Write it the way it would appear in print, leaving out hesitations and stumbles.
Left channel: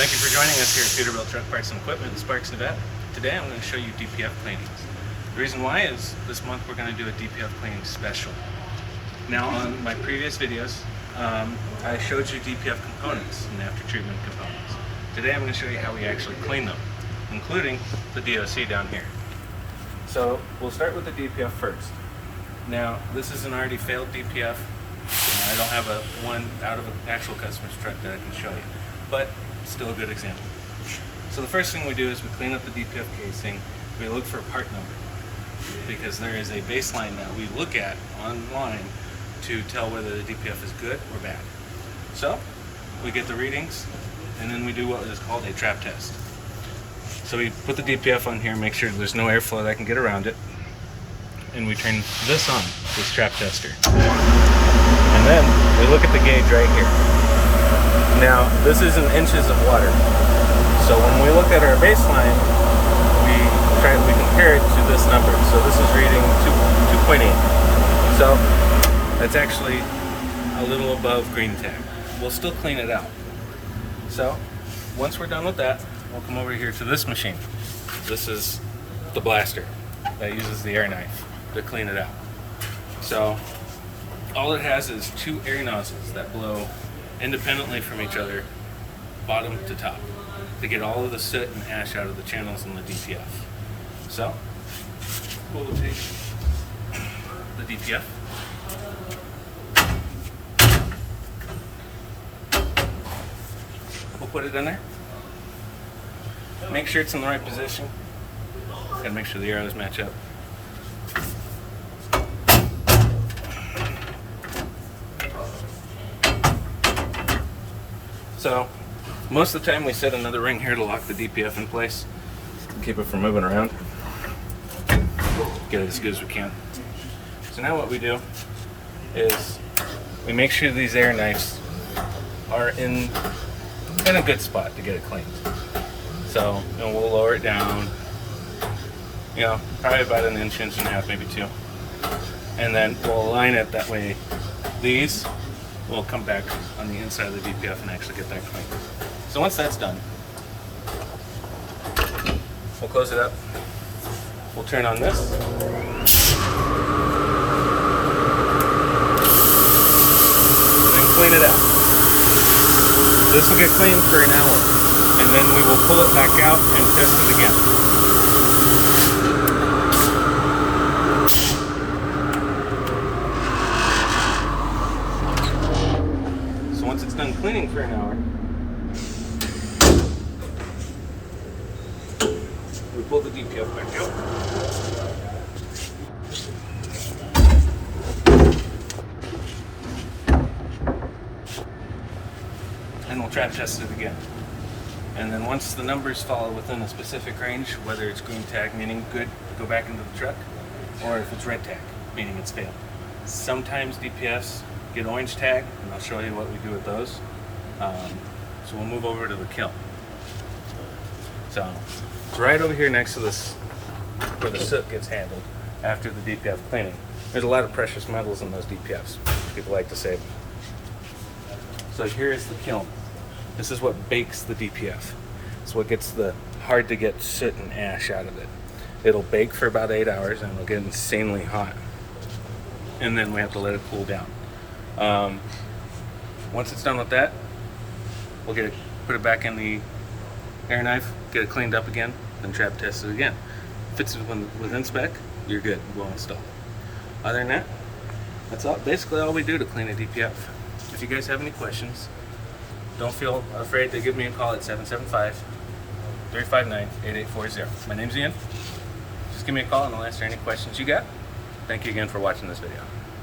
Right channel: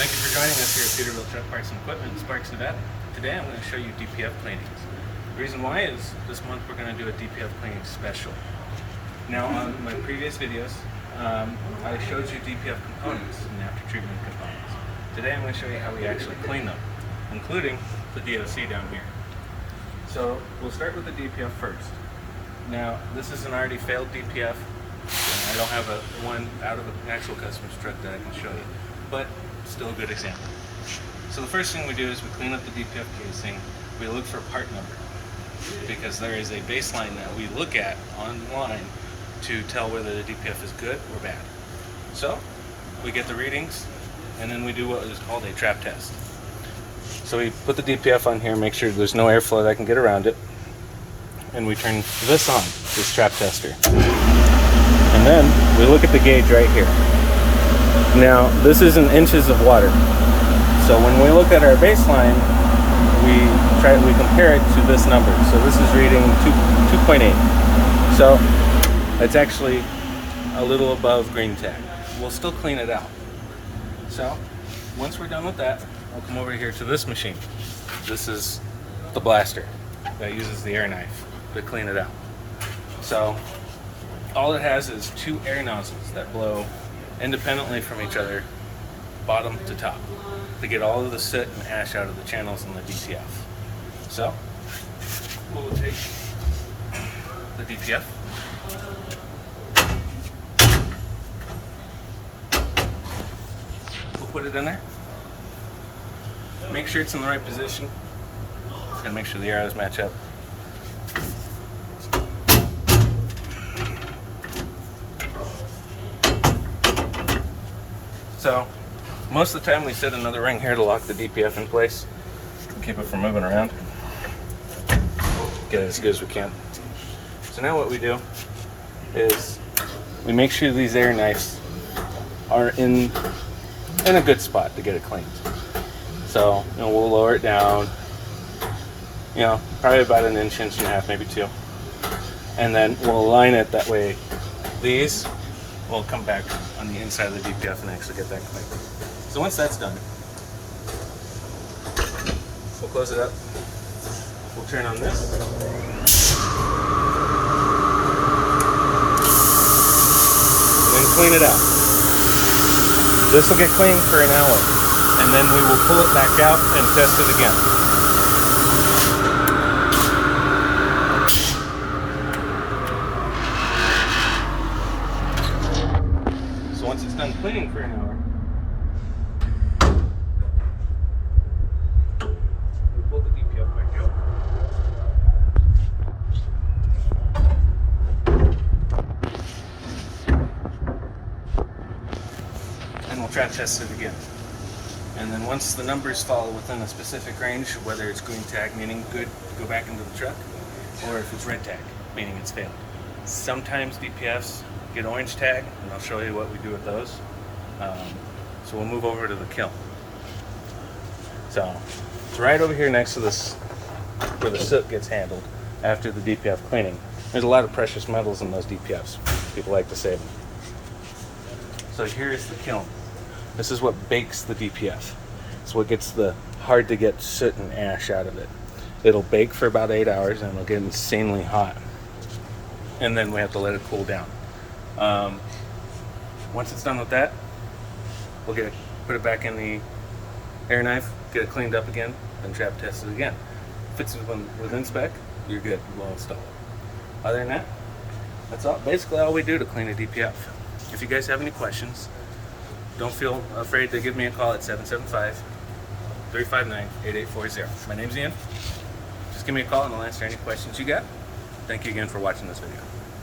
Thank you for joining us here at Peterbilt Truck Parts and Equipment in Sparks, Nevada. Today I'm going to show you DPF cleanings. The reason why is this month we're going to do a DPF cleaning special. Now on my previous videos, I showed you DPF components and after treatment components. Today I'm going to show you how we actually clean them, including the DOC down here. So we'll start with the DPF first. Now this is an already failed DPF. I don't have one out of an actual customer's truck that I can show you, but still a good example. So the first thing we do is we clean up the DPF casing. We look for part number because there is a baseline that we look at online to tell whether the DPF is good or bad. So we get the readings and then we do what is called a trap test. So we put the DPF on here, make sure there's no airflow that can get around it, and we turn this on, this trap tester. And then we look at the gauge right here. Now this is in inches of water. So when we look at our baseline, we compare it to this number. So this is reading 2.8. So that's actually a little above green tag. We'll still clean it out. So once we're done with that, we'll come over here to this machine. This is the blaster that uses the air knife to clean it out. So all it has is two air nozzles that blow independently from each other, bottom to top, to get all of the soot and ash out of the channels in the DPF. So we'll take the DPF, we'll put it in there, make sure it's in the right position, gotta make sure the arrows match up. So most of the time we set another ring here to lock the DPF in place, keep it from moving around, get it as good as we can. So now what we do is we make sure these air knives are in a good spot to get it cleaned. So we'll lower it down, probably about an inch, inch and a half, maybe two. And then we'll align it that way. These will come back on the inside of the DPF and actually get that clean. So once that's done, we'll close it up. We'll turn on this. And then clean it out. This will get cleaned for an hour. And then we will pull it back out and test it again. So once it's done cleaning for an hour, we pull the DPF back out. And we'll trap test it again. And then once the numbers fall within a specific range, whether it's green tag, meaning good to go back into the truck, or if it's red tag, meaning it's failed. Sometimes DPFs get orange tag, and I'll show you what we do with those. So we'll move over to the kiln. So it's right over here next to this, where the soot gets handled after the DPF cleaning. There's a lot of precious metals in those DPFs. People like to save them. So here is the kiln. This is what bakes the DPF. It's what gets the hard to get soot and ash out of it. It'll bake for about 8 hours and it'll get insanely hot. And then we have to let it cool down. Once it's done with that, we'll put it back in the air knife, get it cleaned up again, then trap test it again. If it's within spec, you're good. We'll install it. Other than that, that's basically all we do to clean a DPF. If you guys have any questions, don't feel afraid to give me a call at 775-359-8840. My name's Ian. Just give me a call and I'll answer any questions you got. Thank you again for watching this video.